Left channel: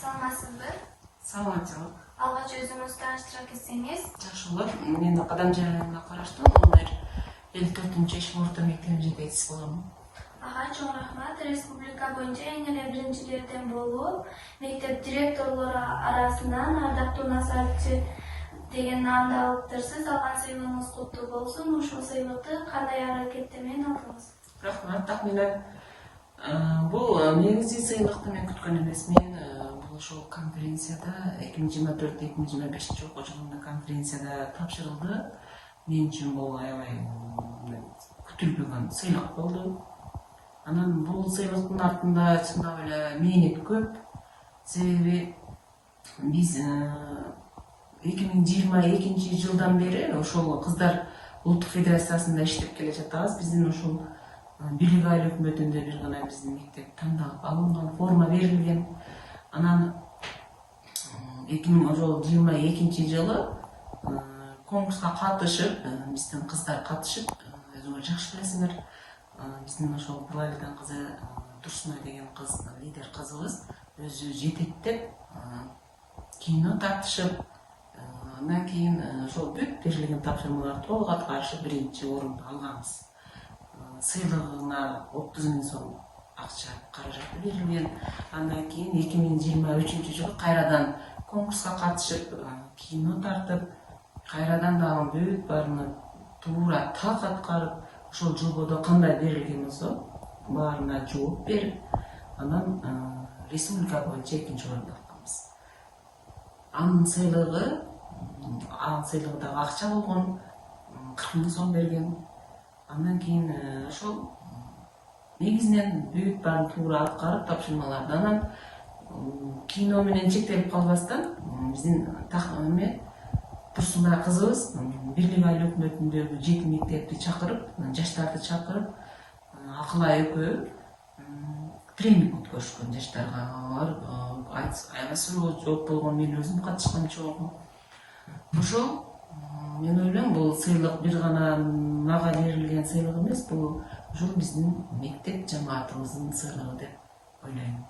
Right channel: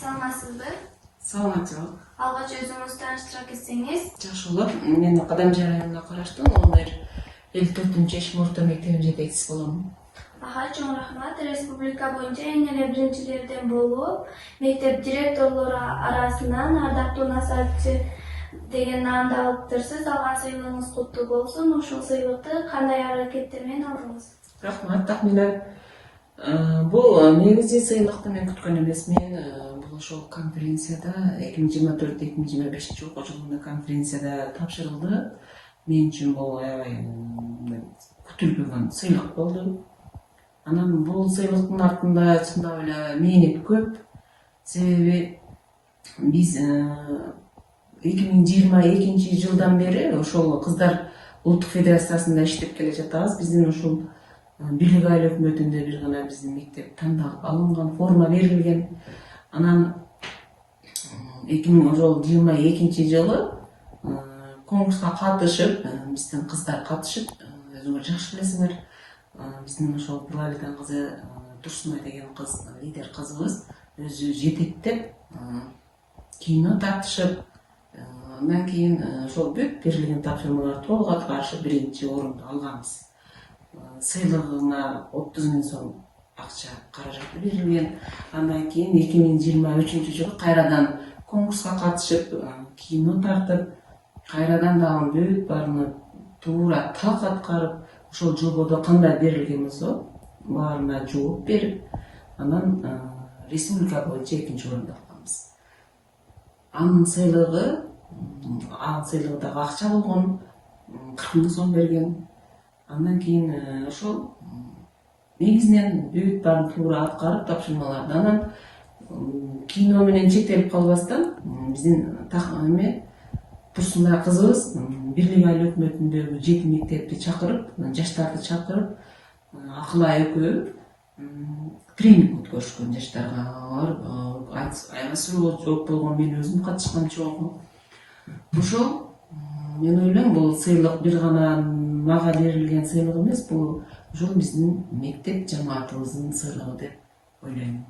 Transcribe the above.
Саламатсызбы? Саламатчылык. Алгач өзүңүз тааныштыра кетсеңиз. Жакшы болот. Мен Кадамжай районуна караштуу 54-Эш орто мектебинин жетекчиси болом. Ага, чоң рахмат. Республика боюнча эң эле биринчилерден болуп, мектеп директорлору арасынан ардактуу насаатчы деген наамды алыптырсыз. Алган сыйлыгыңыз куттуу болсун. Ошол сыйлыкты кандай аракетте менен алдыңыз? Рахмат, Тахмина. Бул негизи сыйлыкты мен күткөн эмесмин. Бул ошол конференцияда 2024-2025 окуу жылында конференцияда тапшырылды. Мен үчүн бул аябай күтүлбөгөн сыйлык болду. Анан бул сыйлыктын артында чындап эле мээнет көп. Себеби биз 2022 жылдан бери ошол кыздар улуттук федерациясында иштеп келе жатабыз. Биздин ушул бийлик айыл өкмөтүндө бир гана биздин мектеп тандалып алынган, форма берилген. Анан 2022 жылы конкурска катышып, биздин кыздар катышып, өзүңөр жакшы билесиңер, биздин ошол Буралидан кызы Турсунай деген кыз, лидер кызыбыз өзү жетектеп кино тартышып, андан кийин ошол бүт берилген тапшырмалар толук аткарышып биринчи орунду алганбыз. Сыйлыгына 30 000 сом акча каражаты берилген. Андан кийин 2023 жылы кайрадан конкурска катышып, кино тартып, кайрадан дагы бүт баарына туура так аткарып, ошол жободо кандай берилген болсо, баарына жооп берип, анан республика боюнча 2-орунду алганбыз. Анын сыйлыгы дагы акча болгон, 40 000 сом берген. Андан кийин ошол негизинен бүт баарын туура аткарып тапшырмаларды. Анан кино менен чектелип калбастан биздин Турсунай кызыбыз бийлик айыл өкмөтүндөгү 7 мектепти чакырып, жаштарды чакырып, Акылай экөө тренинг өткөрүшкөн жаштарга. Аябай суроо жооп болгон, мен өзүм катышкам чогуу. Ошол мен ойлойм, бул сыйлык бир гана мага берилген сыйлык эмес, бул ушул биздин мектеп жамаатыбыздын сыйлыгы деп ойлойм.